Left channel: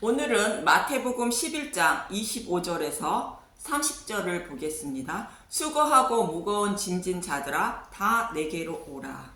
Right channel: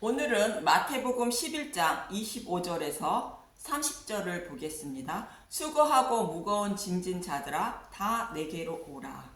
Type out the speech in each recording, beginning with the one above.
오늘은 마태복음 11장 25절에서 30절을 보겠습니다. 수고하고 무거운 짐진 자들아 다 내게로 오라.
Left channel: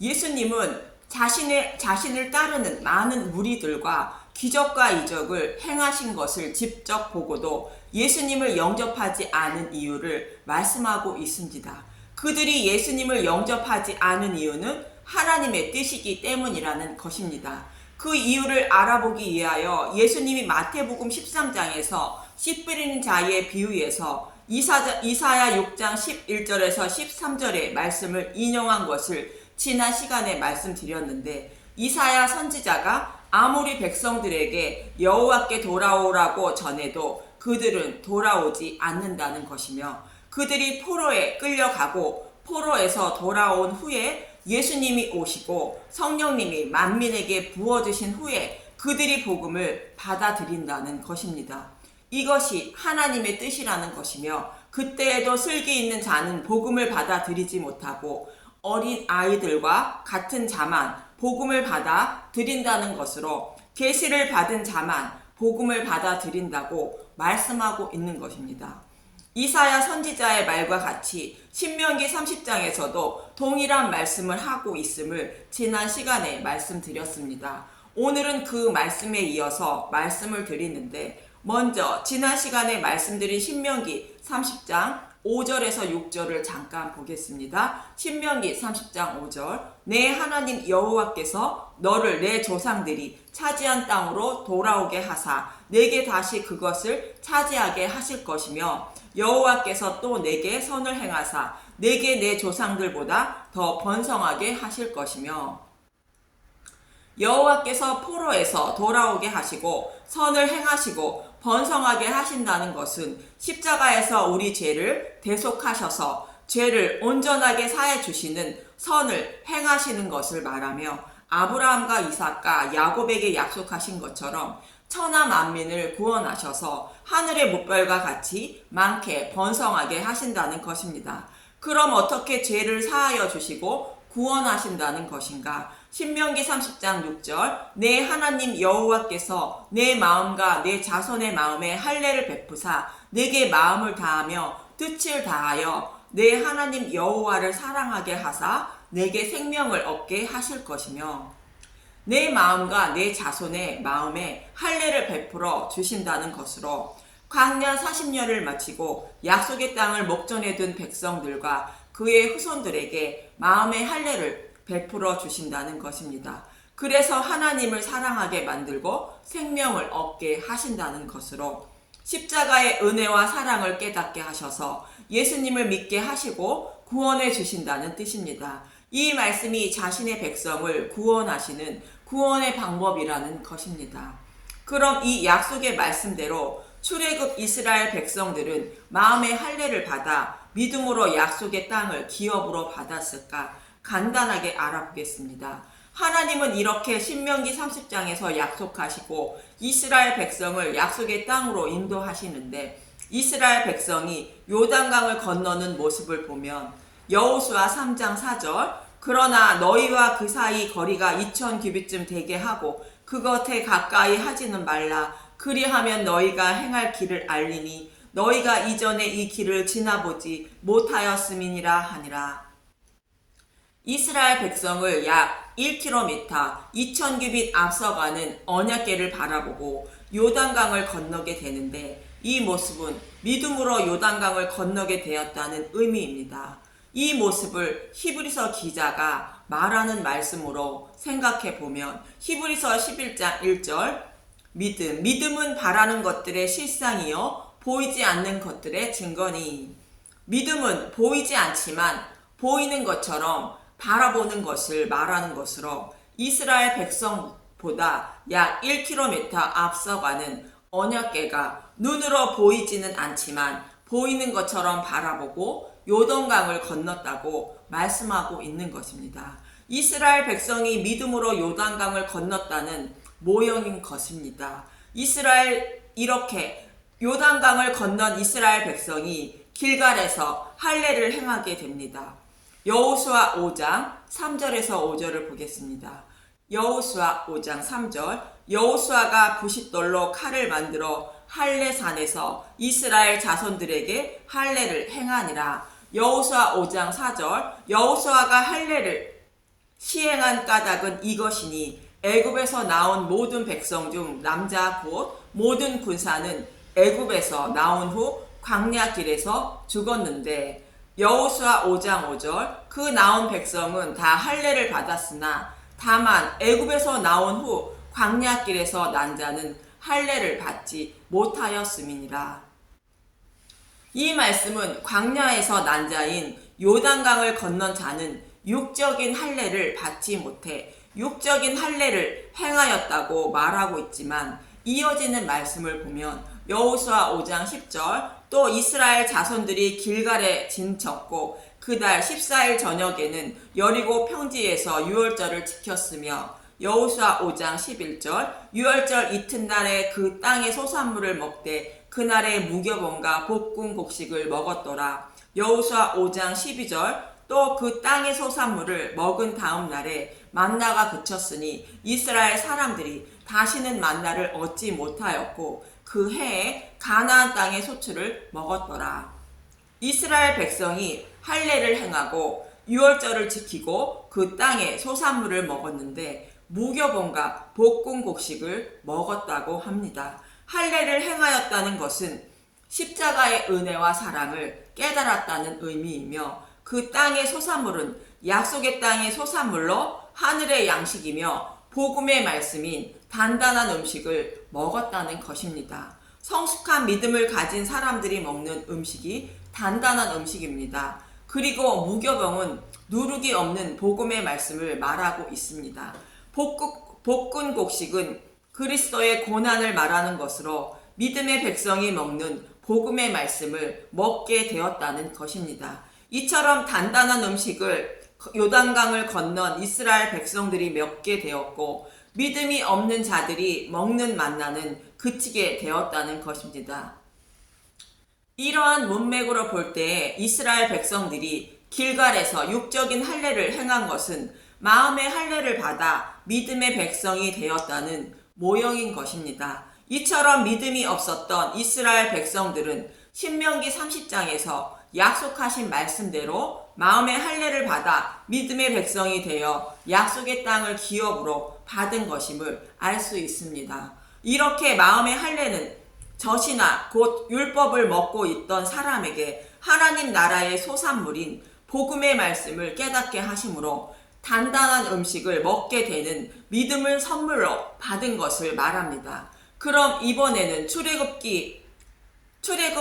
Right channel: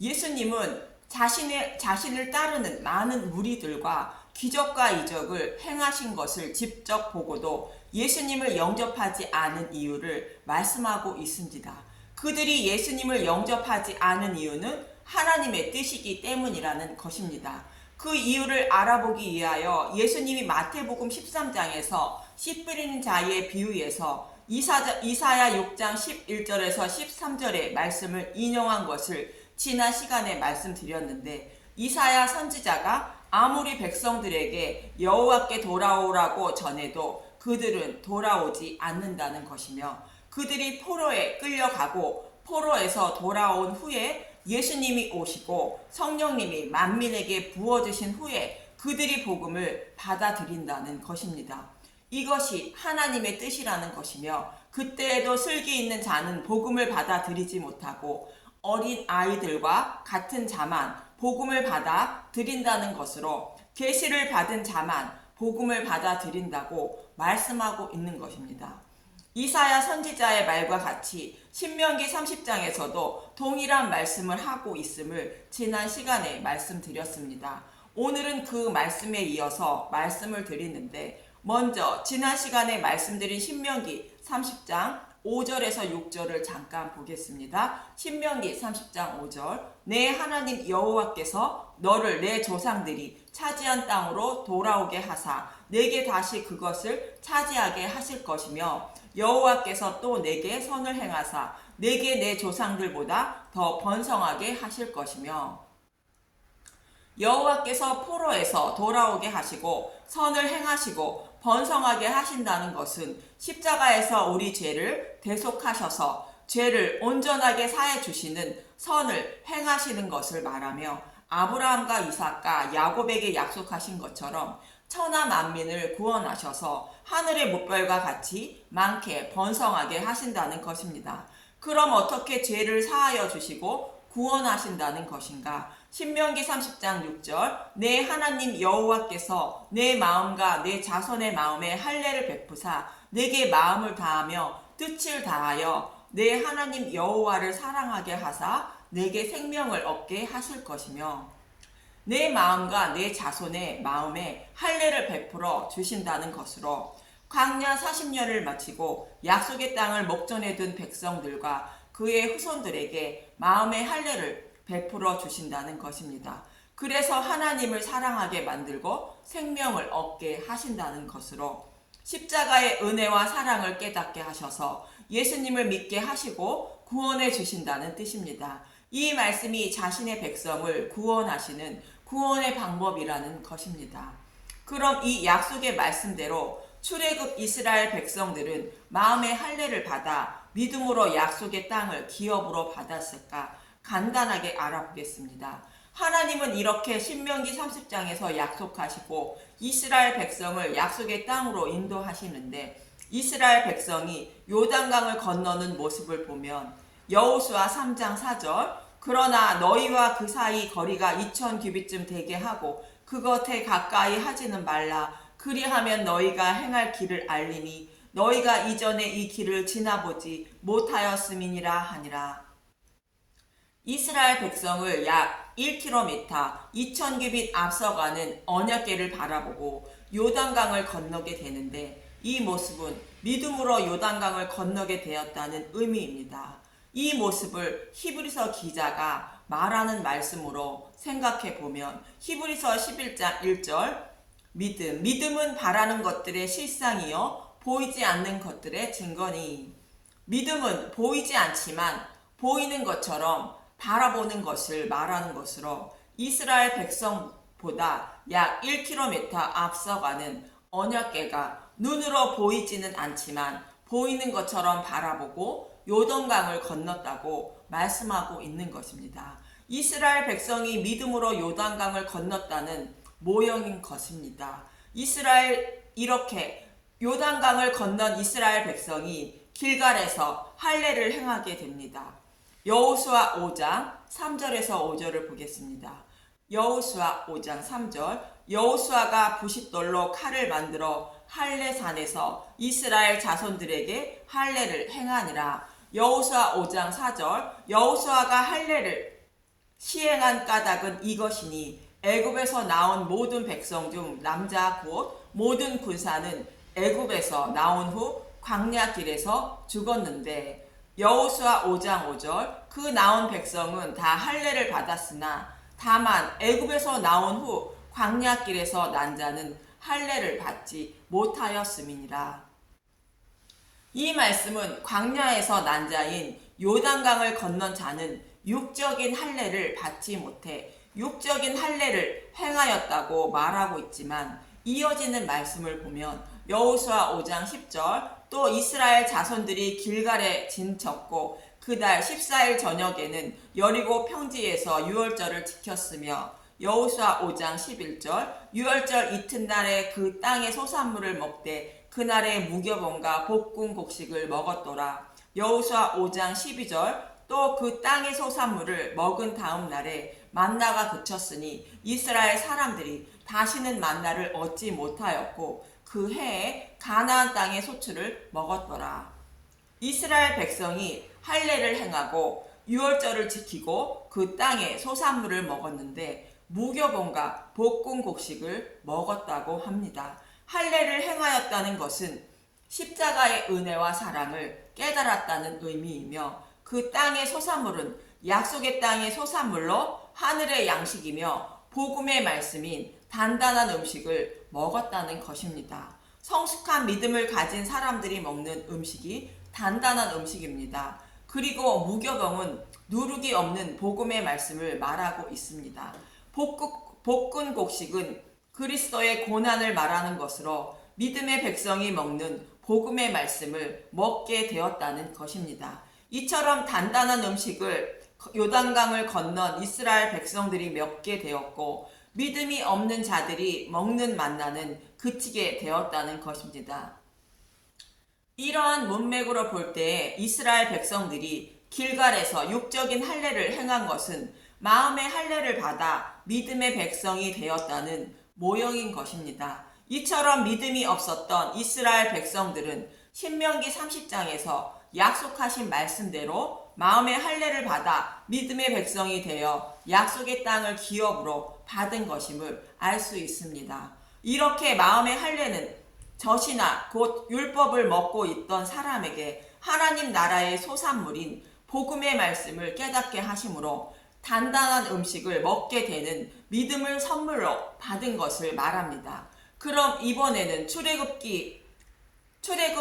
예수님은 자신을 따르는 많은 무리들과 기적과 이적을 행하신 것을 직접 보고도 예수님을 영접하지 않은 이유를 말씀하고 있습니다. 그들이 예수님을 영접하지 않은 이유는 하나님의 뜻이기 때문이라는 것입니다. 그 이유를 알아보기 위하여 예수님이 마태복음 13장에서 씨 뿌리는 자의 비유에서 이사야 6장 11절에서 13절의 말씀을 인용한 것을 지난 시간에 말씀드렸는데, 이사야 선지자가 아무리 백성들에게 여호와께 돌아오라고 전해도 그들은 돌아오지 않는다는 것이며, 그들이 포로에 끌려가고 포로에서 돌아온 후에 예수님이 오시고 성령님이 만민에게 부어주신 후에 그들이 복음을 받아들인다는 것입니다. 이것이 하나님의 뜻이라는 것이며, 그때에도 슬기 있는 자는 복음을 받아들이지 못하고 어린 아이들과 같은 자만 복음을 받아들인다는 것으로 계시를 받은 자만 복음을 받아들인다고 말씀하고 있는 것입니다. 이사야 선지자의 말과 같이 신명기 30장에서도 동일한 말씀을 하고 있음을 지난 시간에 말씀드렸습니다. 오늘은 그 말씀에 이어서 말씀을 드리는데, 먼저 지난 시간에 말씀드린 신명기 30장 5절에서 6절을 잠깐 보겠습니다. 신명기 30장 5절. 내 하나님 여호와께서 너를 내 조상들이 차지한 땅으로 돌아오게 하사 내게 다시 그것을 차지하게 하실 것이며, 여호와께서 또 내게 선을 행하사 내게 내 조상들보다 더 번성하게 하실 것이며, 여호와께서 포로에서 돌아오게 하시고 선을 행하시고 번성하게 하신다는 것은 십자가에서 우리 죄를 대속하셔서 죄를 온전하게 사해 주시는 선을 행하시는 것을 말하며, 아브라함과 이삭과 야곱에게 약속하신 것처럼 천하 만민을 구원하셔서 하늘의 물결과 같이 많게 번성하게 하신다는 것입니다. 그럼 어떻게 죄를 사하여 주시고 구원하신다는 것인가? 신명기 30장 6절. 내 하나님 여호와께서 내 마음과 내 자손의 마음에 할례를 베푸사 내게 마음을 다하며 뜻을 다하여 내 하나님 여호와를 사랑하게 하사 내게 생명을 얻게 하실 것이며, 내 마음과 내 자손의 마음에 할례를 베풀어 주신다는 것으로 광야 40년을 마치고 약속의 땅을 목전에 둔 백성들과 그의 후손들에게 마음의 할례를 베풀어 주신다는 것입니다. 그래서 하나님을 사랑하게 만들고 생명을 얻게 하신다는 것으로 십자가의 은혜와 사랑을 깨닫게 하셔서 예수님을 믿게 하시고 구원해 주신다는 뜻입니다. 이 말씀이 자신의 백성을 구원하시는 구원의 방법이라는 것입니다. 그럼 이 약속의 말씀대로 출애굽 이스라엘 백성들은 마음의 할례를 받아 믿음으로 약속의 땅을 기업으로 받았을까? 간단하게 알아보겠습니다. 하나님은 이렇게 신명기 30장에서 약속하시고 이스라엘 백성을 약속의 땅으로 인도하시는데, 이스라엘 백성이 요단강을 건너는 모습을 보면 여호수아 3장 4절. 그러나 너희와 그 사이 거리가 2000규빗쯤 되게 하고 그 겉에 가까이 하지는 말라. 그리하면 너희가 행할 길을 알리니 너희가 이전에 이 길을 지나보지 못하였음이니라 하니라. 이스라엘 백성을 약 1km 2000규빗 앞서가는 언약궤를 바라보고 요단강을 건너게 되는데, 이 모습은 믿음으로 요단강을 건너게 되었다는 의미입니다. 이 모습을 히브리서 기자가 말하는 말씀으로 생각해 보면 히브리서 11장 1절. 믿음은 바라는 것들의 실상이요 보이지 않는 것들의 증거니. 믿음은 보이지 않지만 보이는 것처럼 바라보는 것을 말하는 것으로 이스라엘 백성보다 약 1km 앞서가는 언약궤가 눈으로 보이지는 않지만 보이는 것처럼 바라보고 요단강을 건넜다고 말씀하고 있는 것입니다. 이스라엘 백성이 믿음으로 요단강을 건넜다는 모형인 것입니다. 이렇게 요단강을 건넌 이스라엘 백성이 길갈에서 할례를 행하게 됩니다. 여호수아 5장 3절에서 5절을 보겠습니다. 여호수아 5장 3절. 여호수아가 부싯돌로 칼을 만들어 할례산에서 이스라엘 자손들에게 할례를 행하니라. 여호수아 5장 4절. 여호수아가 할례를 시행한 까닭은 이것이니 애굽에서 나온 모든 백성 중 남자 곧 모든 군사는 애굽에서 나온 후 광야길에서 죽었는데, 여호수아 5장 5절. 그 나온 백성은 다 할례를 받았으나 다만 애굽에서 나온 후 광야길에서 난 자는 할례를 받지 못하였음이니라. 이 말씀은 광야에서 난 자인 요단강을 건넌 자는 육적인 할례를 받지 못해 육적인 할례를 행하였다고 말하고 있지만, 이어지는 말씀을 보면 여호수아 5장 10절. 또 이스라엘 자손들이 길갈에 진쳤고 그달 14일 저녁에는 여리고 평지에서 유월절을 지켰으며, 여호수아 5장 11절. 유월절 이튿날에 그 땅의 소산물을 먹되 그날에 무교본과 볶은 곡식을 먹었더라. 여호수아 5장 12절. 또 그 땅의 소산물을 먹은 다음 날에 만나가 그쳤으니 이스라엘 사람들이 다시는 만나를 얻지 못하였고 그 해에 가나안 땅의 소출을 먹었더라. 이스라엘 백성이 할례를 행하고 유월절을 지키고 그 땅의 소산물을 먹었는데 무교본과 볶은 곡식을 먹었다고 합니다. 할례를 행하였다는 것은 십자가의 은혜와 사랑을 깨달았다는 의미이며, 그 땅의 소산물은 약속의 땅의 소산물로 하늘의 양식이며 복음의 말씀인 단단한 음식을 먹었다는 것입니다. 성숙한 믿음을 가진 사람들이 먹는 음식이 단단한 음식입니다. 그리고 무교병은 누룩이 없는 복음의 말씀을 말하고 있습니다. 볶은 곡식은 그리스도의 고난을 말하는 것으로 믿음의 백성이 먹는 복음의 말씀을 먹게 되었다는 것입니다. 이처럼 단단한 음식을 요단강을 건넌 이스라엘 백성들이 먹게 되었고 믿음이 없는 자들이 먹는 만나는 그치게 되었다는 것입니다. 이러한 문맥으로 볼 때 이스라엘 백성들이 길갈에서 육적인 할례를 행한 것은 마음의 할례를 받아 믿음의 백성이 되었다는 모형인 것입니다. 이처럼 믿음이 없었던 이스라엘 백성들은 신명기 30장에서 약속하신 말씀대로 마음의 할례를 받아 믿음의 백성이 되어 약속의 땅을 기업으로 받은 것임을 알 수 있습니다. 이렇게 마음의 할례는 젖이나 곧 율법을 먹고 있던 사람에게 하나님 나라의 소산물인 복음의 말씀을 깨닫게 하심으로 단단한 음식을 먹게 되는 믿음을 선물로 받은 것을 말합니다. 그럼 이번에는 출애굽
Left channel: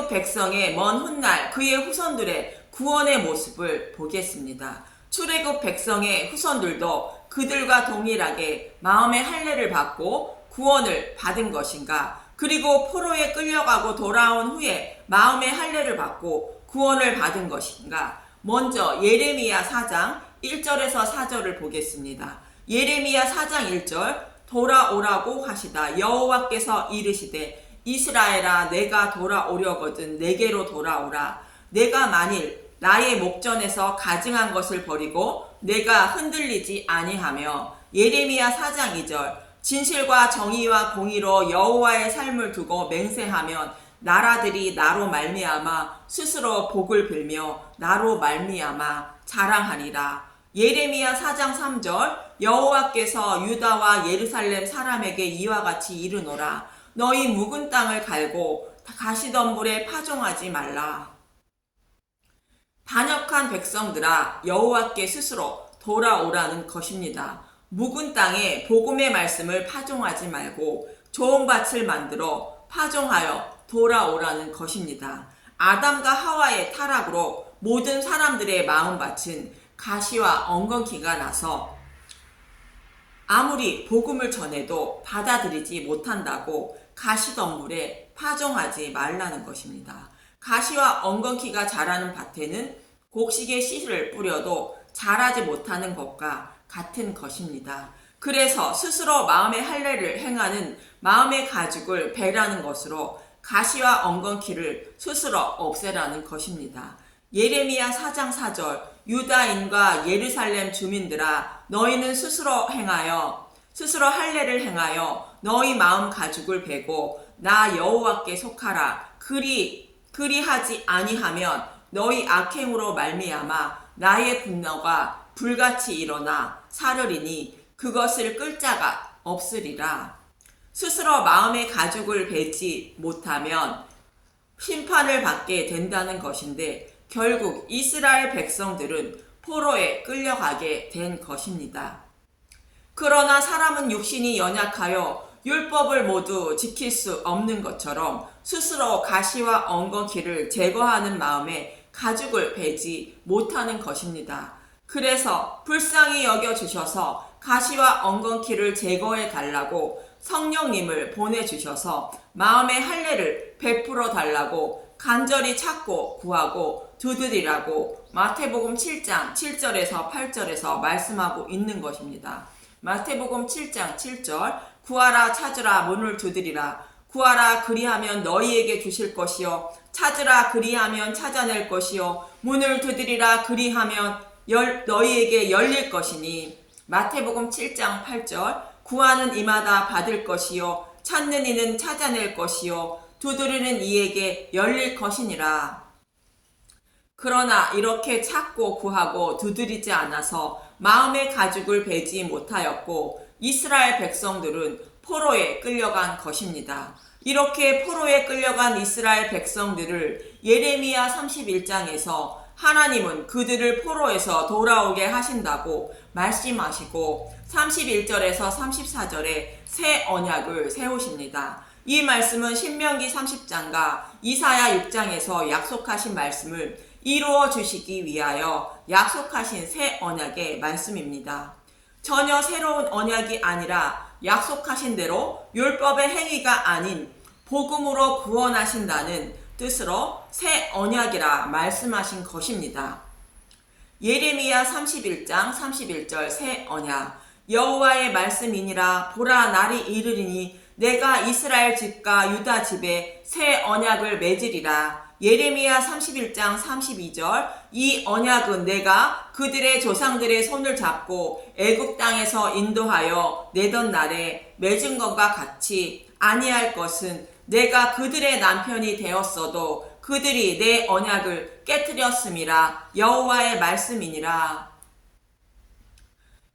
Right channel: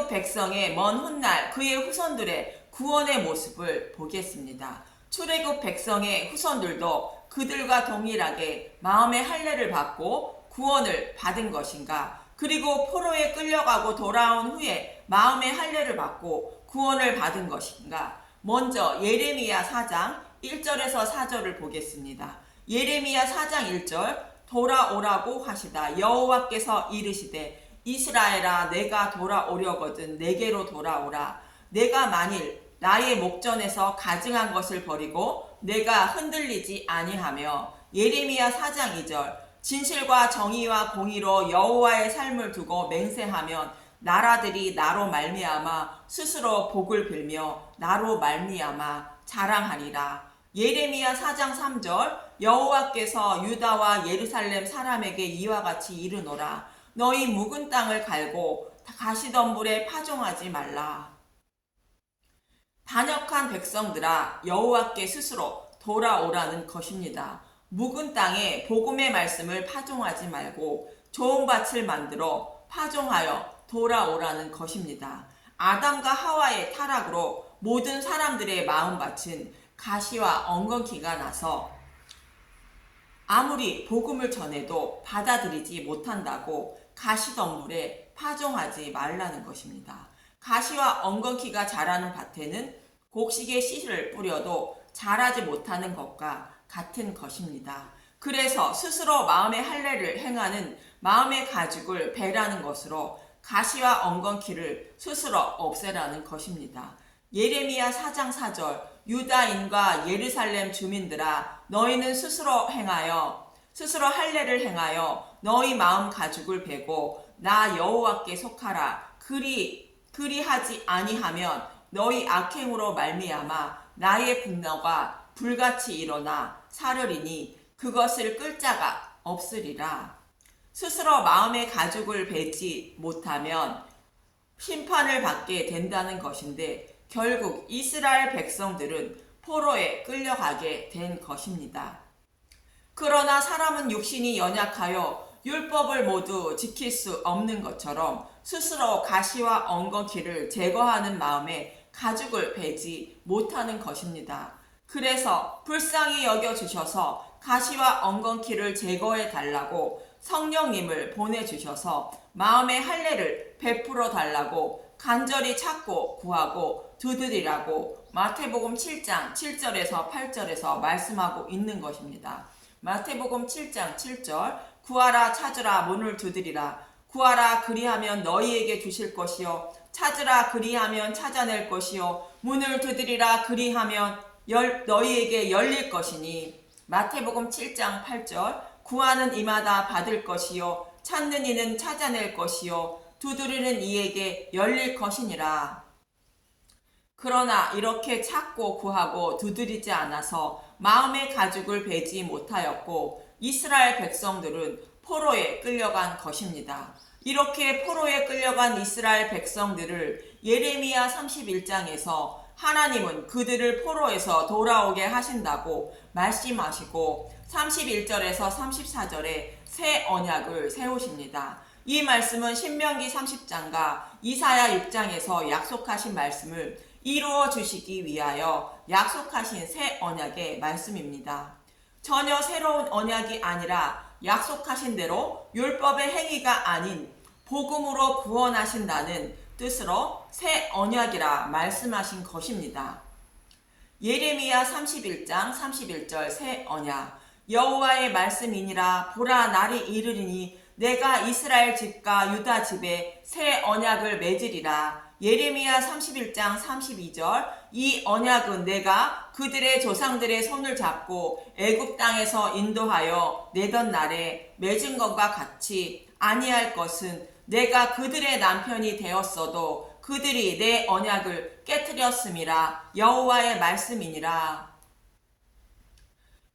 백성의 먼 훗날 그의 후손들의 구원의 모습을 보겠습니다. 출애굽 백성의 후손들도 그들과 동일하게 마음의 할례를 받고 구원을 받은 것인가? 그리고 포로에 끌려가고 돌아온 후에 마음의 할례를 받고 구원을 받은 것인가? 먼저 예레미야 4장 1절에서 4절을 보겠습니다. 예레미야 4장 1절. 돌아오라고 하시다 여호와께서 이르시되 이스라엘아 내가 돌아오려거든 내게로 돌아오라. 내가 만일 나의 목전에서 가증한 것을 버리고 내가 흔들리지 아니하며. 예레미야 4장 2절. 진실과 정의와 공의로 여호와의 삶을 두고 맹세하면 나라들이 나로 말미암아 스스로 복을 빌며 나로 말미암아 자랑하리라. 예레미야 4장 3절. 여호와께서 유다와 예루살렘 사람에게 이와 같이 이르노라. 너희 묵은 땅을 갈고 가시덤불에 파종하지 말라. 반역한 백성들아 여호와께 스스로 돌아오라는 것입니다. 묵은 땅에 복음의 말씀을 파종하지 말고 좋은 밭을 만들어 파종하여 돌아오라는 것입니다. 아담과 하와의 타락으로 모든 사람들의 마음밭은 가시와 엉겅퀴가 나서 아무리 복음을 전해도 받아들이지 못한다고 가시덤불에 파종하지 말라는 것입니다. 가시와 엉겅퀴가 자라는 밭에는 곡식의 씨를 뿌려도 자라지 못하는 것과 같은 것입니다. 그래서 스스로 마음의 할례를 행하는 마음의 가죽을 베라는 것으로 가시와 엉겅퀴를 스스로 없애라는 것입니다. 예레미야 4장 4절. 유다인과 예루살렘 주민들아 너희는 스스로 할례를 행하여 너희 마음 가죽을 베고 나 여호와께 속하라. 그리하지 아니하면 너희 악행으로 말미암아 나의 분노가 불같이 일어나 사르리니 그것을 끌 자가 없으리라. 스스로 마음의 가죽을 베지 못하면 심판을 받게 된다는 것인데 결국 이스라엘 백성들은 포로에 끌려가게 된 것입니다. 그러나 사람은 육신이 연약하여 율법을 모두 지킬 수 없는 것처럼 스스로 가시와 엉겅퀴를 제거하는 마음에 가죽을 베지 못하는 것입니다. 그래서 불쌍히 여겨주셔서 가시와 엉겅퀴를 제거해 달라고 성령님을 보내주셔서 마음의 할례를 베풀어 달라고 간절히 찾고 구하고 두드리라고 마태복음 7장 7절에서 8절에서 말씀하고 있는 것입니다. 마태복음 7장 7절 구하라 찾으라 문을 두드리라. 구하라 그리하면 너희에게 주실 것이요 찾으라 그리하면 찾아낼 것이요 문을 두드리라 그리하면 너희에게 열릴 것이니. 마태복음 7장 8절 구하는 이마다 받을 것이요 찾는 이는 찾아낼 것이요 두드리는 이에게 열릴 것이니라. 그러나 이렇게 찾고 구하고 두드리지 않아서 마음의 가죽을 베지 못하였고 이스라엘 백성들은 포로에 끌려간 것입니다. 이렇게 포로에 끌려간 이스라엘 백성들을 예레미야 31장에서 하나님은 그들을 포로에서 돌아오게 하신다고 말씀하시고 31절에서 34절에 새 언약을 세우십니다. 이 말씀은 신명기 30장과 이사야 6장에서 약속하신 말씀을 이루어 주시기 위하여 약속하신 새 언약의 말씀입니다. 전혀 새로운 언약이 아니라 약속하신 대로 율법의 행위가 아닌 복음으로 구원하신다는 뜻으로 새 언약이라 말씀하신 것입니다. 예레미야 31장 31절 새 언약 여호와의 말씀이니라. 보라 날이 이르리니 내가 이스라엘 집과 유다 집에 새 언약을 맺으리라. 예레미야 31장 32절 이 언약은 내가 그들의 조상들의 손을 잡고 애굽 땅에서 인도하여 내던 날에 맺은 것과 같이 아니할 것은 내가 그들의 남편이 되었어도 그들이 내 언약을 깨뜨렸음이라. 여호와의 말씀이니라.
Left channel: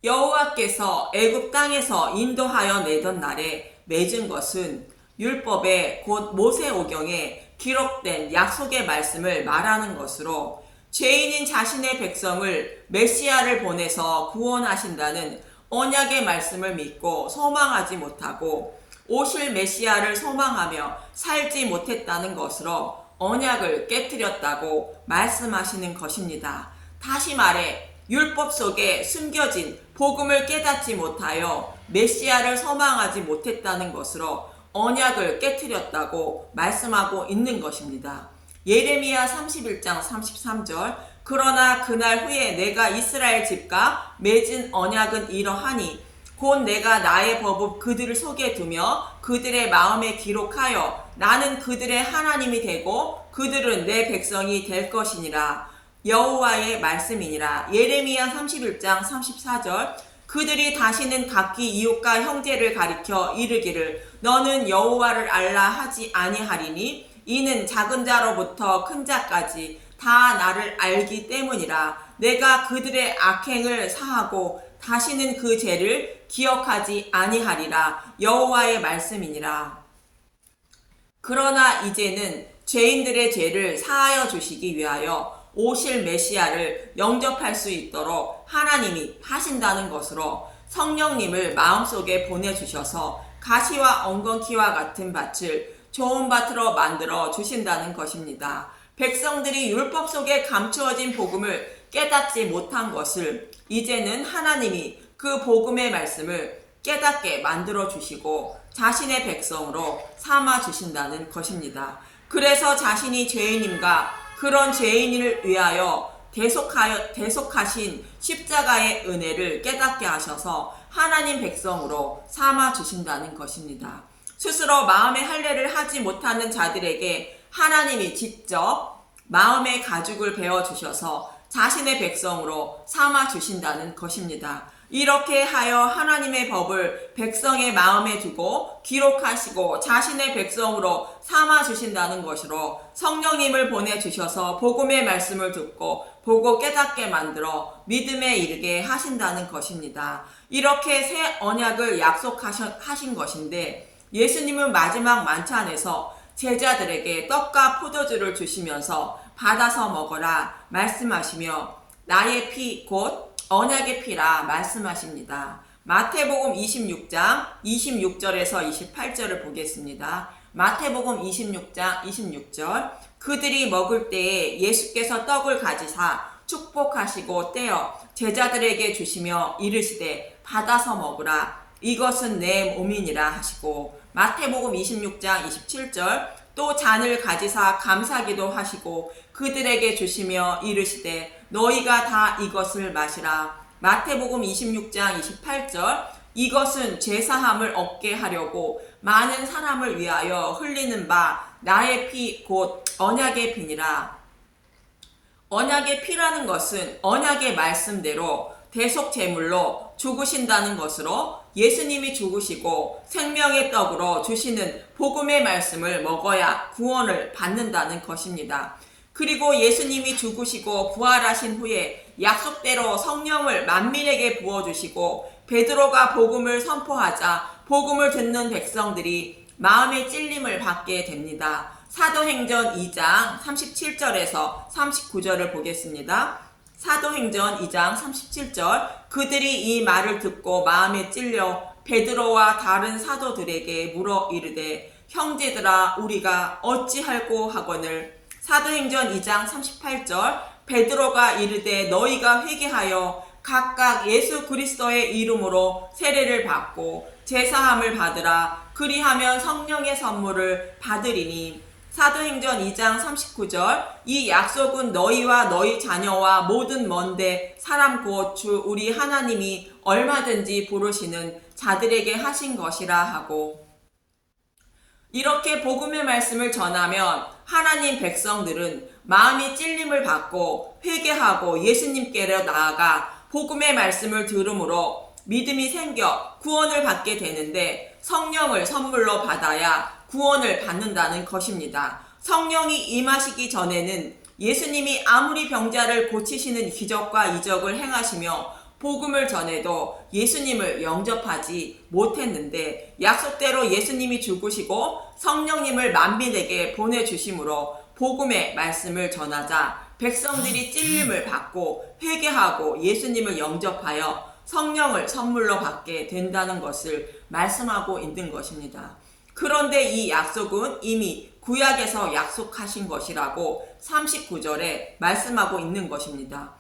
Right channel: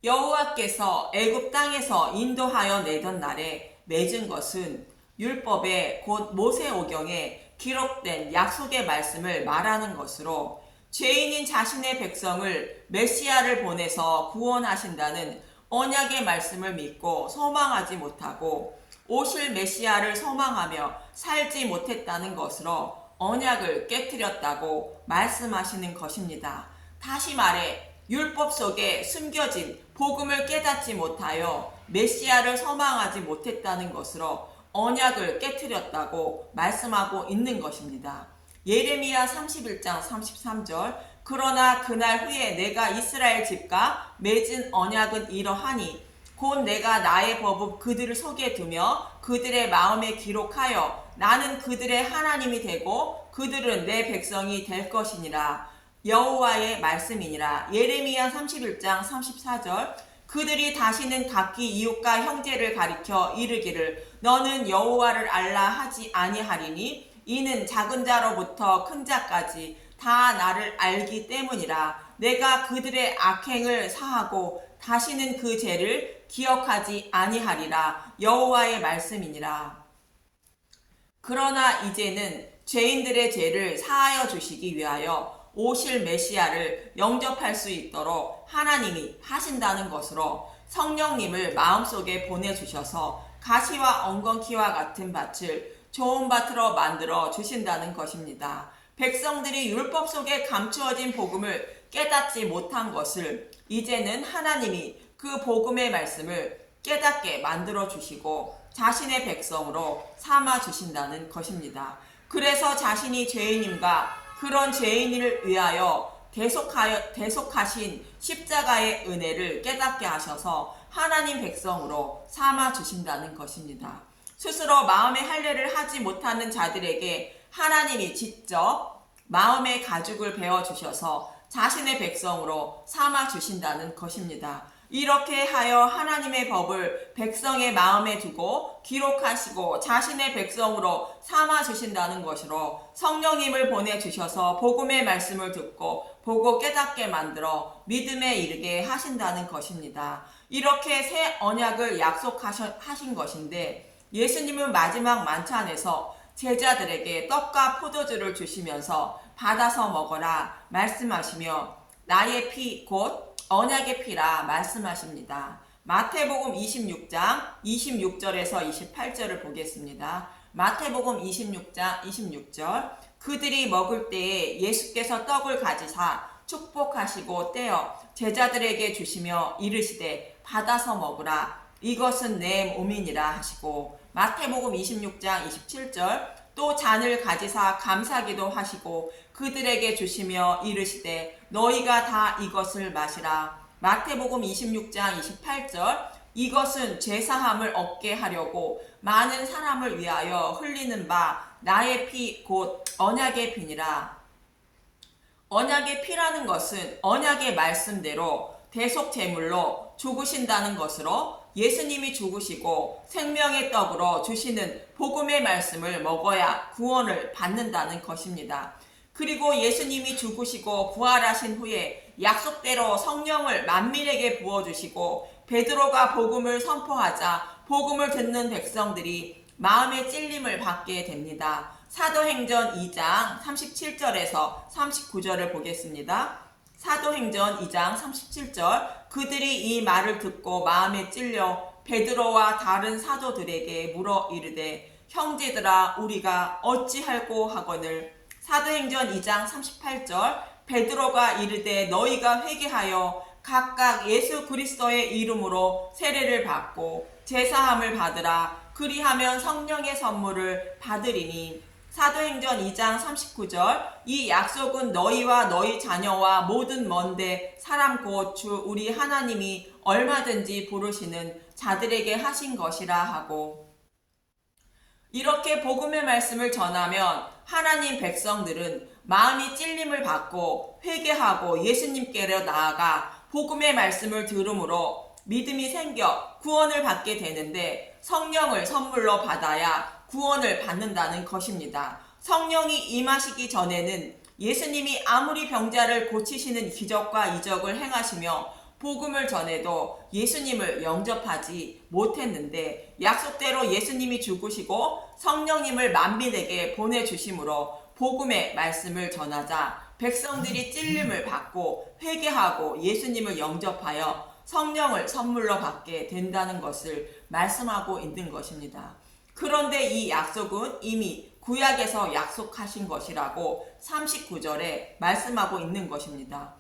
여호와께서 애굽 땅에서 인도하여 내던 날에 맺은 것은 율법의 곧 모세오경에 기록된 약속의 말씀을 말하는 것으로 죄인인 자신의 백성을 메시아를 보내서 구원하신다는 언약의 말씀을 믿고 소망하지 못하고 오실 메시아를 소망하며 살지 못했다는 것으로 언약을 깨뜨렸다고 말씀하시는 것입니다. 다시 말해 율법 속에 숨겨진 복음을 깨닫지 못하여 메시아를 소망하지 못했다는 것으로 언약을 깨뜨렸다고 말씀하고 있는 것입니다. 예레미야 31장 33절 그러나 그날 후에 내가 이스라엘 집과 맺은 언약은 이러하니 곧 내가 나의 법을 그들 속에 두며 그들의 마음에 기록하여 나는 그들의 하나님이 되고 그들은 내 백성이 될 것이니라. 여호와의 말씀이니라. 예레미야 31장 34절 그들이 다시는 각기 이웃과 형제를 가리켜 이르기를 너는 여호와를 알라 하지 아니하리니 이는 작은 자로부터 큰 자까지 다 나를 알기 때문이라. 내가 그들의 악행을 사하고 다시는 그 죄를 기억하지 아니하리라. 여호와의 말씀이니라. 그러나 이제는 죄인들의 죄를 사하여 주시기 위하여 오실 메시아를 영접할 수 있도록 하나님이 하신다는 것으로 성령님을 마음속에 보내주셔서 가시와 엉겅퀴와 같은 밭을 좋은 밭으로 만들어 주신다는 것입니다. 백성들이 율법 속에 감추어진 복음을 깨닫지 못한 것을 이제는 하나님이 그 복음의 말씀을 깨닫게 만들어 주시고 자신의 백성으로 삼아 주신다는 것입니다. 그래서 자신이 죄인임과 그런 죄인을 위하여 대속하신 십자가의 은혜를 깨닫게 하셔서 하나님 백성으로 삼아 주신다는 것입니다. 스스로 마음의 할례를 하지 못하는 자들에게 하나님이 직접 마음의 가죽을 베어 주셔서 자신의 백성으로 삼아 주신다는 것입니다. 이렇게 하여 하나님의 법을 백성의 마음에 두고 기록하시고 자신의 백성으로 삼아 주신다는 것으로 성령님을 보내주셔서 복음의 말씀을 듣고 보고 깨닫게 만들어 믿음에 이르게 하신다는 것입니다. 이렇게 새 언약을 약속하신 것인데 예수님은 마지막 만찬에서 제자들에게 떡과 포도주를 주시면서 받아서 먹어라 말씀하시며 나의 피 곧 언약의 피라 말씀하십니다. 마태복음 26장 26절에서 28절을 보겠습니다. 마태복음 26장 26절 그들이 먹을 때에 예수께서 떡을 가지사 축복하시고 떼어 제자들에게 주시며 이르시되 받아서 먹으라 이것은 내 몸이니라 하시고 마태복음 26장 27절 또 잔을 가지사 감사기도 하시고 그들에게 주시며 이르시되 너희가 다 이것을 마시라 마태복음 26장 28절 이것은 죄사함을 얻게 하려고 많은 사람을 위하여 흘리는 바 나의 피 곧 언약의 피니라. 언약의 피라는 것은 언약의 말씀대로 대속 제물로 죽으신다는 것으로 예수님이 죽으시고 생명의 떡으로 주시는 복음의 말씀을 먹어야 구원을 받는다는 것입니다. 그리고 예수님이 죽으시고 부활하신 후에 약속대로 성령을 만민에게 부어주시고 베드로가 복음을 선포하자 복음을 듣는 백성들이 마음의 찔림을 받게 됩니다. 사도행전 2장 37절에서 39절을 보겠습니다. 사도행전 2장 37절 그들이 이 말을 듣고 마음에 찔려 베드로와 다른 사도들에게 물어 이르되 형제들아 우리가 어찌할꼬 하거늘 사도행전 2장 38절 베드로가 이르되 너희가 회개하여 각각 예수 그리스도의 이름으로 세례를 받고 제사함을 받으라 그리하면 성령의 선물을 받으리니 사도행전 2장 39절 이 약속은 너희와 너희 자녀와 모든 먼데 사람 곧 주 우리 하나님이 얼마든지 부르시는 자들에게 하신 것이라 하고 이렇게 복음의 말씀을 전하면 하나님 백성들은 마음이 찔림을 받고 회개하고 예수님께로 나아가 복음의 말씀을 들음으로 믿음이 생겨 구원을 받게 되는데 성령을 선물로 받아야 구원을 받는다는 것입니다. 성령이 임하시기 전에는 예수님이 아무리 병자를 고치시는 기적과 이적을 행하시며 복음을 전해도 예수님을 영접하지 못했는데 약속대로 예수님이 죽으시고 성령님을 만민에게 보내주심으로 복음의 말씀을 전하자 백성들이 찔림을 받고 회개하고 예수님을 영접하여 성령을 선물로 받게 된다는 것을 말씀하고 있는 것입니다. 그런데 이 약속은 이미 구약에서 약속하신 것이라고 39절에 말씀하고 있는 것입니다.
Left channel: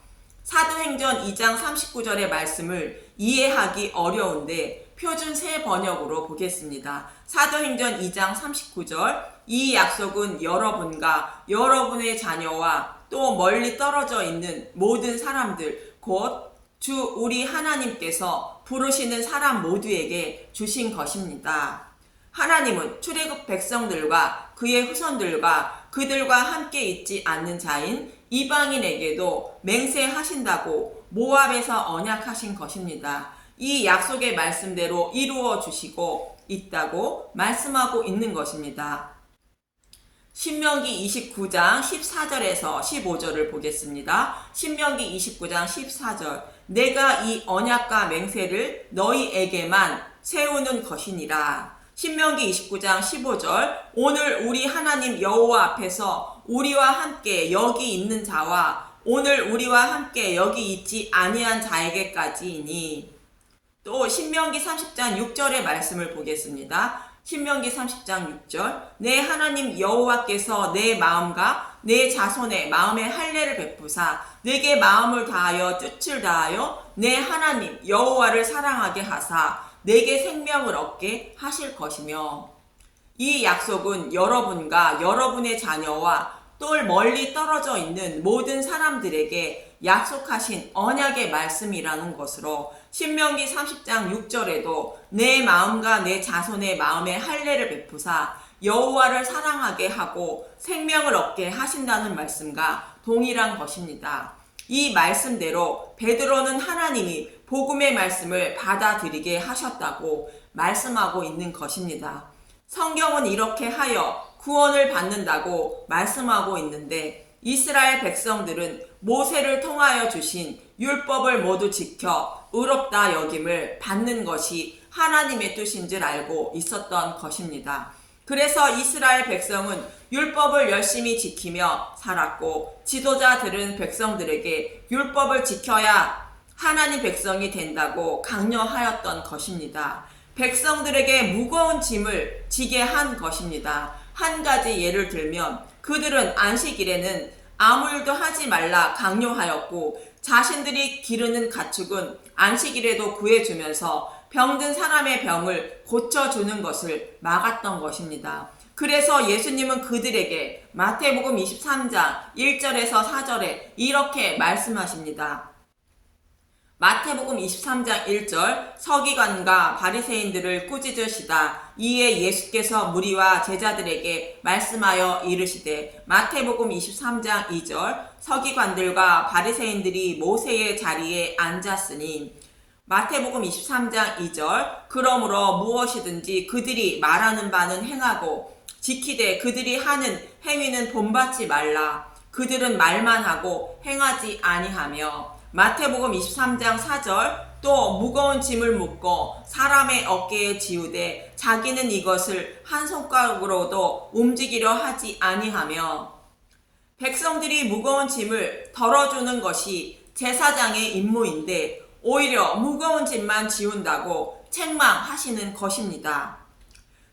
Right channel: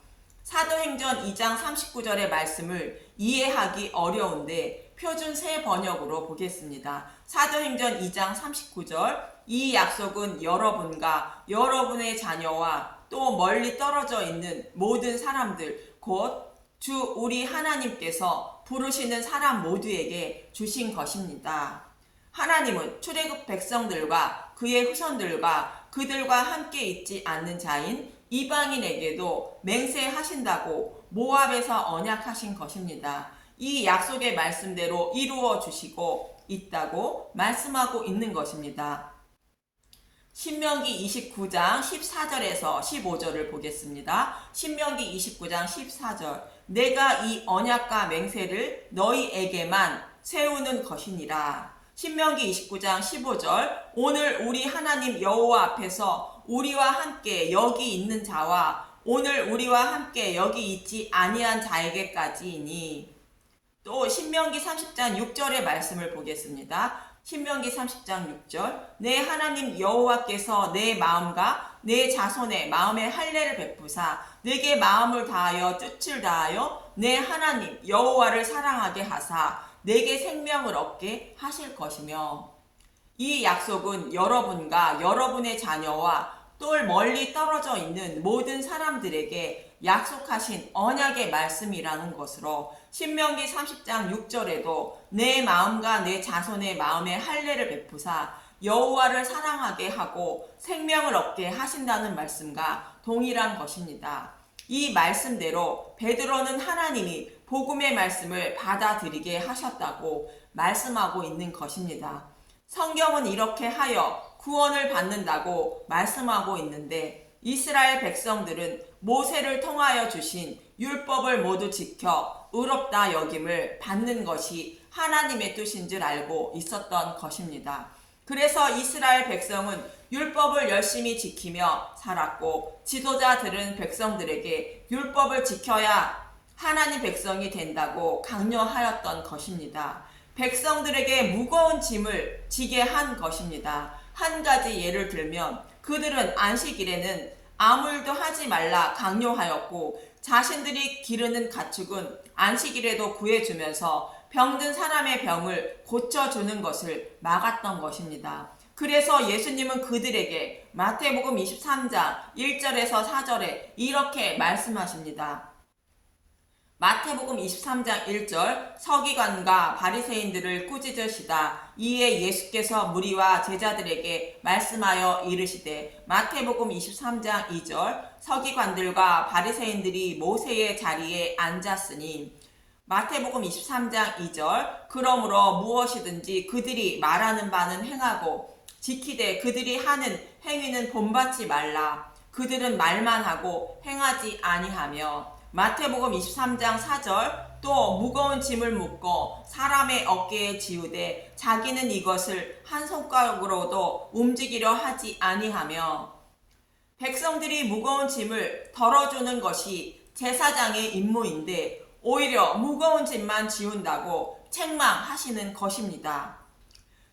사도행전 2장 39절의 말씀을 이해하기 어려운데 표준 새 번역으로 보겠습니다. 사도행전 2장 39절 이 약속은 여러분과 여러분의 자녀와 또 멀리 떨어져 있는 모든 사람들 곧 주 우리 하나님께서 부르시는 사람 모두에게 주신 것입니다. 하나님은 출애굽 백성들과 그의 후손들과 그들과 함께 있지 않는 자인 이방인에게도 맹세하신다고 모압에서 언약하신 것입니다. 이 약속의 말씀대로 이루어 주시고 있다고 말씀하고 있는 것입니다. 신명기 29장 14절에서 15절을 보겠습니다. 신명기 29장 14절 내가 이 언약과 맹세를 너희에게만 세우는 것이니라. 신명기 29장 15절 오늘 우리 하나님 여호와 앞에서 우리와 함께 여기 있는 자와 오늘 우리와 함께 여기 있지 아니한 자에게까지이니 또 신명기 30장 6절의 말씀을 보겠습니다. 신명기 30장 6절 내 하나님 여호와께서 내 마음과 내 자손의 마음에 할례를 베푸사 내게 마음을 다하여 뜻을 다하여 내 하나님 여호와를 사랑하게 하사 내게 생명을 얻게 하실 것이며 이 약속은 여러분과 여러분의 자녀와 또 멀리 떨어져 있는 모든 사람들에게 약속하신 언약의 말씀이라는 것으로 신명기 30장 6절에도 내 마음과 내 자손의 마음에 할례를 베푸사 여호와를 사랑하게 하고 생명을 얻게 하신다는 말씀과 동일한 것입니다. 이 말씀대로 베드로는 하나님이 복음의 말씀을 받아들이게 하셨다고 말씀하고 있는 것입니다. 성경은 이렇게 하여 구원을 받는다고 말씀하고 있는데 이스라엘 백성들은 모세를 통하여 주신 율법을 모두 지켜 의롭다 여김을 받는 것이 하나님의 뜻인 줄 알고 있었던 것입니다. 그래서 이스라엘 백성은 율법을 열심히 지키며 살았고 지도자들은 백성들에게 율법을 지켜야 하나님 백성이 된다고 강요하였던 것입니다. 백성들에게 무거운 짐을 지게 한 것입니다. 한 가지 예를 들면 그들은 안식일에는 아무 일도 하지 말라 강요하였고 자신들이 기르는 가축은 안식일에도 구해주면서 병든 사람의 병을 고쳐주는 것을 막았던 것입니다. 그래서 예수님은 그들에게 마태복음 23장 1절에서 4절에 이렇게 말씀하십니다. 마태복음 23장 1절 서기관과 바리새인들을 꾸짖으시다. 이에 예수께서 무리와 제자들에게 말씀하여 이르시되 마태복음 23장 2절 서기관들과 바리새인들이 모세의 자리에 앉았으니 마태복음 23장 2절 그러므로 무엇이든지 그들이 말하는 바는 행하고 지키되 그들이 하는 행위는 본받지 말라. 그들은 말만 하고 행하지 아니하며 마태복음 23장 4절 또 무거운 짐을 묶고 사람의 어깨에 지우되 자기는 이것을 한 손가락으로도 움직이려 하지 아니하며 백성들이 무거운 짐을 덜어주는 것이 제사장의 임무인데 오히려 무거운 짐만 지운다고 책망하시는 것입니다.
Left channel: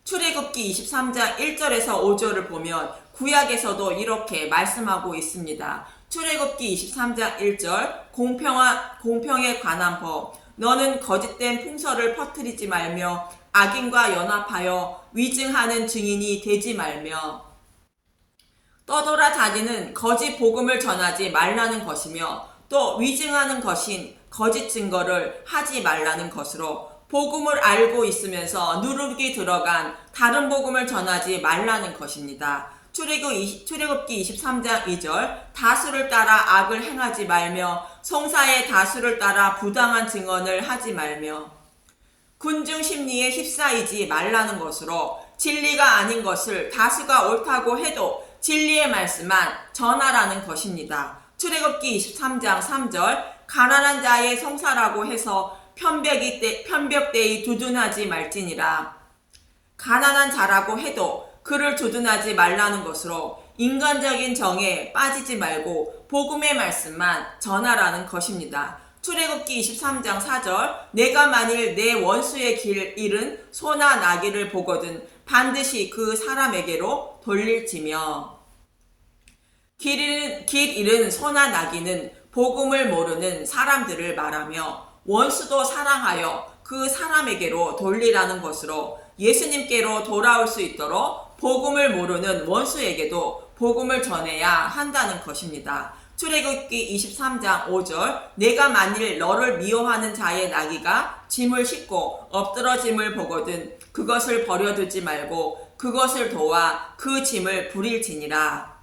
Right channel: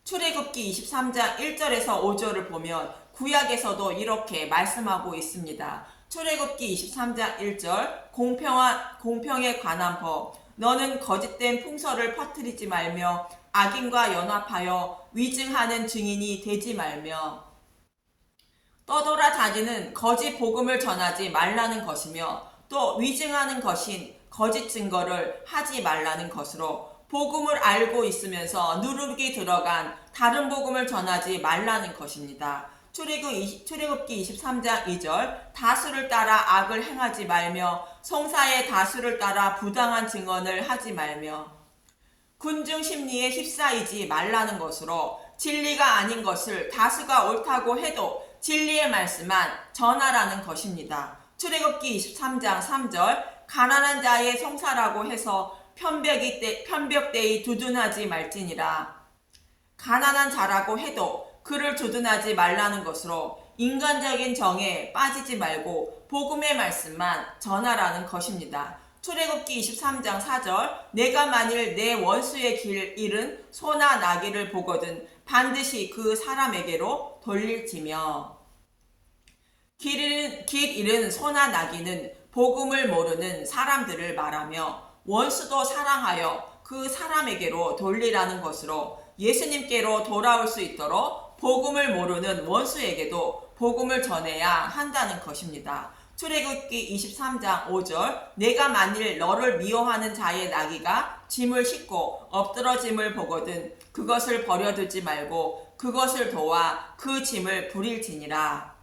출애굽기 23장 1절에서 5절을 보면 구약에서도 이렇게 말씀하고 있습니다. 출애굽기 23장 1절 공평에 관한 법 너는 거짓된 풍설을 퍼뜨리지 말며 악인과 연합하여 위증하는 증인이 되지 말며 떠돌아 다니는 거짓 복음을 전하지 말라는 것이며 또 위증하는 것인 거짓 증거를 하지 말라는 것으로 복음을 알고 있으면서 누룩이 들어간 다른 복음을 전하지 말라는 것입니다. 출애굽기 23장 2절 다수를 따라 악을 행하지 말며 송사의 다수를 따라 부당한 증언을 하지 말며 군중 심리에 휩싸이지 말라는 것으로 진리가 아닌 것을 다수가 옳다고 해도 진리의 말씀만 전하라는 것입니다. 출애굽기 23장 3절 가난한 자의 송사라고 해서 편벽되이 두둔하지 말지니라. 가난한 자라고 해도 그를 두둔하지 말라는 것으로 인간적인 정에 빠지지 말고 복음의 말씀만 전하라는 것입니다. 출애굽기 23장 4절 내가 만일 내 원수의 길 잃은 소나 나귀를 보거든 반드시 그 사람에게로 돌릴지며 길 잃은 소나 나귀는 복음을 모르는 사람들을 말하며 원수도 사랑하여 그 사람에게로 돌리라는 것으로 예수님께로 돌아올 수 있도록 복음을 모르는 원수에게도 복음을 전해야 한다는 것입니다. 출애굽기 23장 5절 내가 만일 너를 미워하는 자의 나귀가 짐을 싣고 엎드러짐을 보거든 그것을 버려두지 말고 그것을 도와 그 짐을 부릴지니라.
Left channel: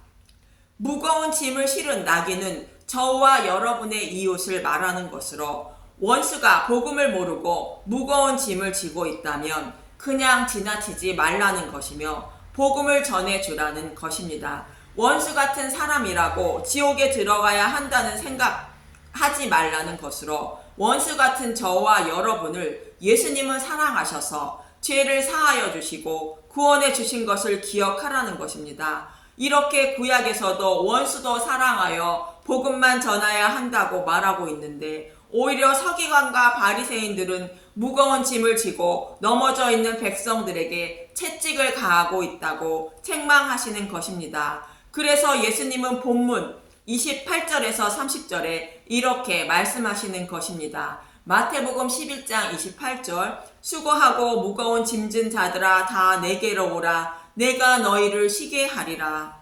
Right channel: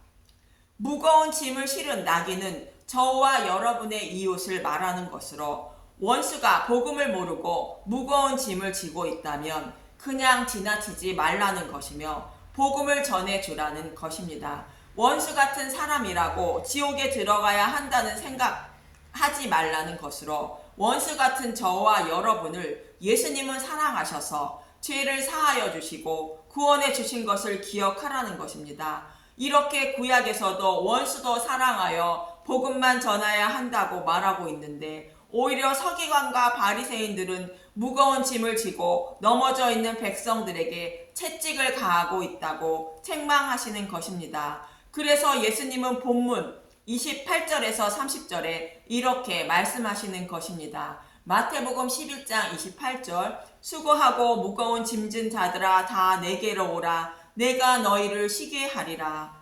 무거운 짐을 실은 나귀는 저와 여러분의 이웃을 말하는 것으로 원수가 복음을 모르고 무거운 짐을 지고 있다면 그냥 지나치지 말라는 것이며 복음을 전해주라는 것입니다. 원수 같은 사람이라고 지옥에 들어가야 한다는 생각하지 말라는 것으로 원수 같은 저와 여러분을 예수님은 사랑하셔서 죄를 사하여 주시고 구원해 주신 것을 기억하라는 것입니다. 이렇게 구약에서도 원수도 사랑하여 복음만 전해야 한다고 말하고 있는데 오히려 서기관과 바리새인들은 무거운 짐을 지고 넘어져 있는 백성들에게 채찍을 가하고 있다고 책망하시는 것입니다. 그래서 예수님은 본문 28절에서 30절에 이렇게 말씀하시는 것입니다. 마태복음 11장 28절 수고하고 무거운 짐진 자들아 다 내게로 오라 내가 너희를 쉬게 하리라.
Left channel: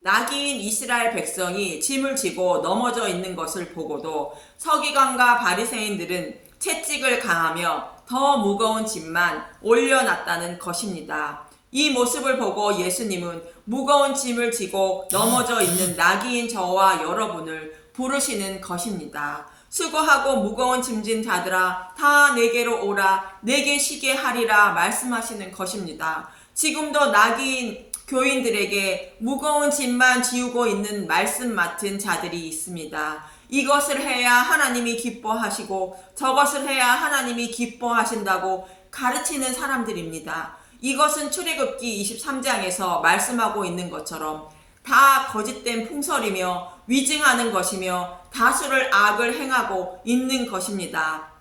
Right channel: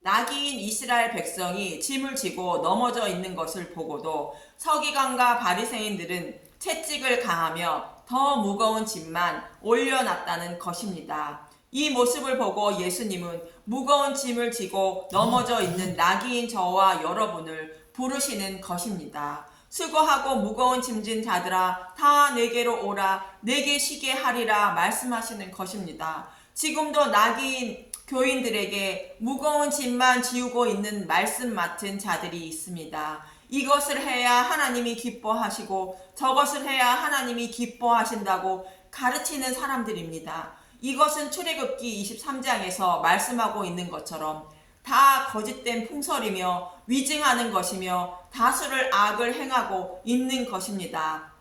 나귀인 이스라엘 백성이 짐을 지고 넘어져 있는 것을 보고도 서기관과 바리새인들은 채찍을 가하며 더 무거운 짐만 올려놨다는 것입니다. 이 모습을 보고 예수님은 무거운 짐을 지고 넘어져 있는 나귀인 저와 여러분을 부르시는 것입니다. 수고하고 무거운 짐진 자들아 다 내게로 오라 내게 쉬게 하리라 말씀하시는 것입니다. 지금도 나귀인 교인들에게 무거운 짐만 지우고 있는 말씀 맡은 자들이 있습니다. 이것을 해야 하나님이 기뻐하시고 저것을 해야 하나님이 기뻐하신다고 가르치는 사람들입니다. 이것은 출애굽기 23장에서 말씀하고 있는 것처럼 다 거짓된 풍설이며 위증하는 것이며 다수를 악을 행하고 있는 것입니다.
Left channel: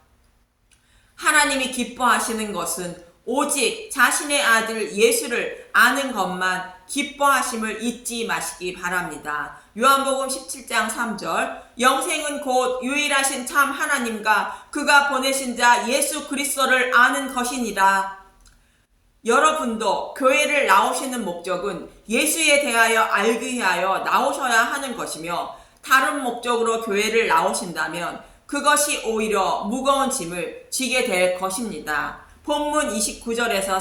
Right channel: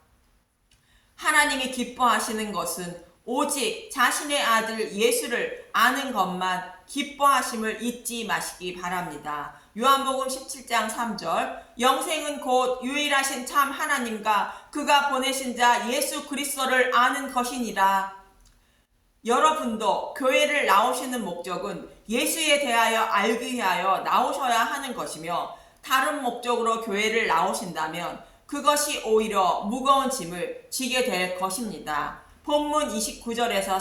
하나님이 기뻐하시는 것은 오직 자신의 아들 예수를 아는 것만 기뻐하심을 잊지 마시기 바랍니다. 요한복음 17장 3절 영생은 곧 유일하신 참 하나님과 그가 보내신 자 예수 그리스도를 아는 것이니라. 여러분도 교회를 나오시는 목적은 예수에 대하여 알기 위하여 나오셔야 하는 것이며 다른 목적으로 교회를 나오신다면 그것이 오히려 무거운 짐을 지게 될 것입니다. 본문 29절에서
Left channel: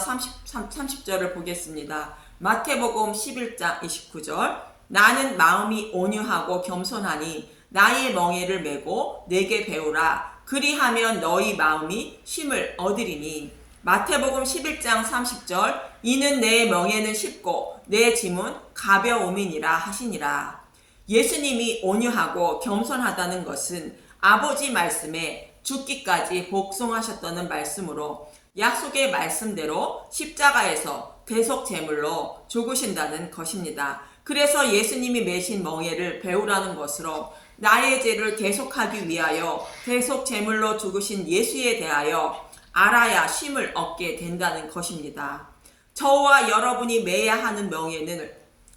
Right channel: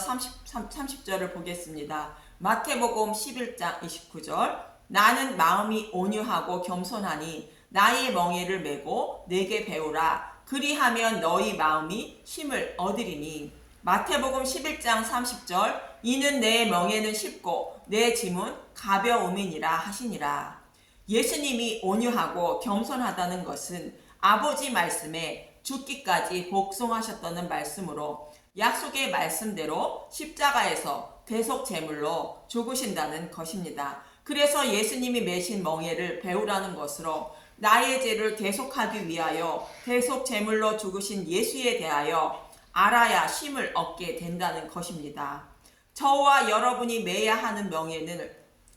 30절을 보겠습니다. 마태복음 11장 29절 나는 마음이 온유하고 겸손하니 나의 멍에를 메고 내게 배우라 그리하면 너희 마음이 쉼을 얻으리니. 마태복음 11장 30절 이는 내 멍에는 쉽고 내 짐은 가벼움이니라 하시니라. 예수님이 온유하고 겸손하다는 것은 아버지 말씀에 죽기까지 복종하셨다는 말씀으로 약속의 말씀대로 십자가에서 대속 제물로 죽으신다는 것입니다. 그래서 예수님이 메신 멍에를 배우라는 것으로 나의 죄를 대속하기 위하여 대속 제물로 죽으신 예수에 대하여 알아야 쉼을 얻게 된다는 것입니다. 저와 여러분이 매야 하는 멍에는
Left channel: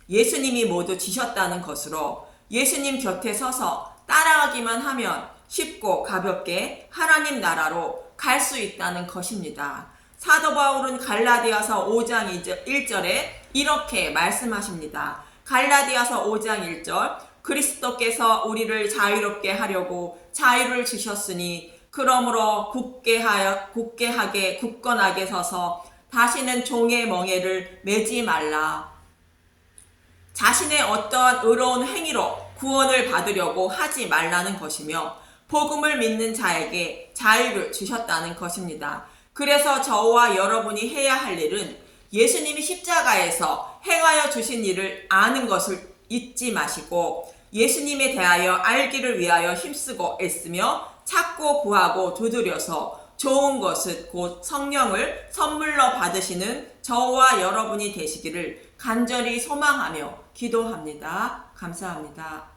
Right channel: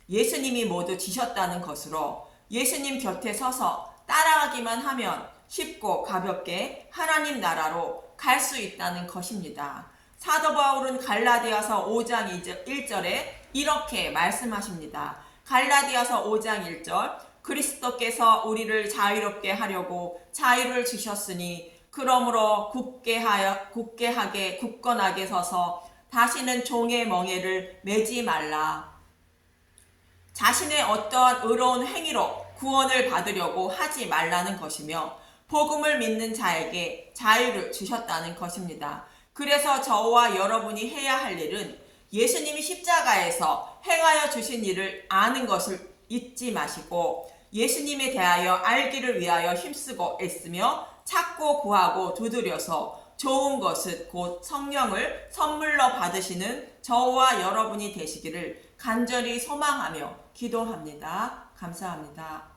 예수님이 모두 지셨다는 것으로 예수님 곁에 서서 따라가기만 하면 쉽고 가볍게 하나님 나라로 갈 수 있다는 것입니다. 사도 바울은 갈라디아서 5장 1절에 이렇게 말씀하십니다. 갈라디아서 5장 1절 그리스도께서 우리를 자유롭게 하려고 자유를 주셨으니 그러므로 굳건하게 서서 다시는 종의 멍에를 매지 말라. 자신의 어떠한 의로운 행위로 구원을 받으려고 하지 말라는 것이며 복음을 믿는 자에게 자유를 주셨다는 것입니다. 그래서 저와 여러분이 해야 할 일은 예수님이 십자가에서 행하여 주신 일을 아는 것을 잊지 마시고 예수님에 대하여 알기를 위하여 힘쓰고 애쓰며 찾고 구하고 두드려서 좋은 것은 곧 성령을 선물로 받으시는 저와 여러분이 되시기를 간절히 소망하며 기도합니다. 감사합니다.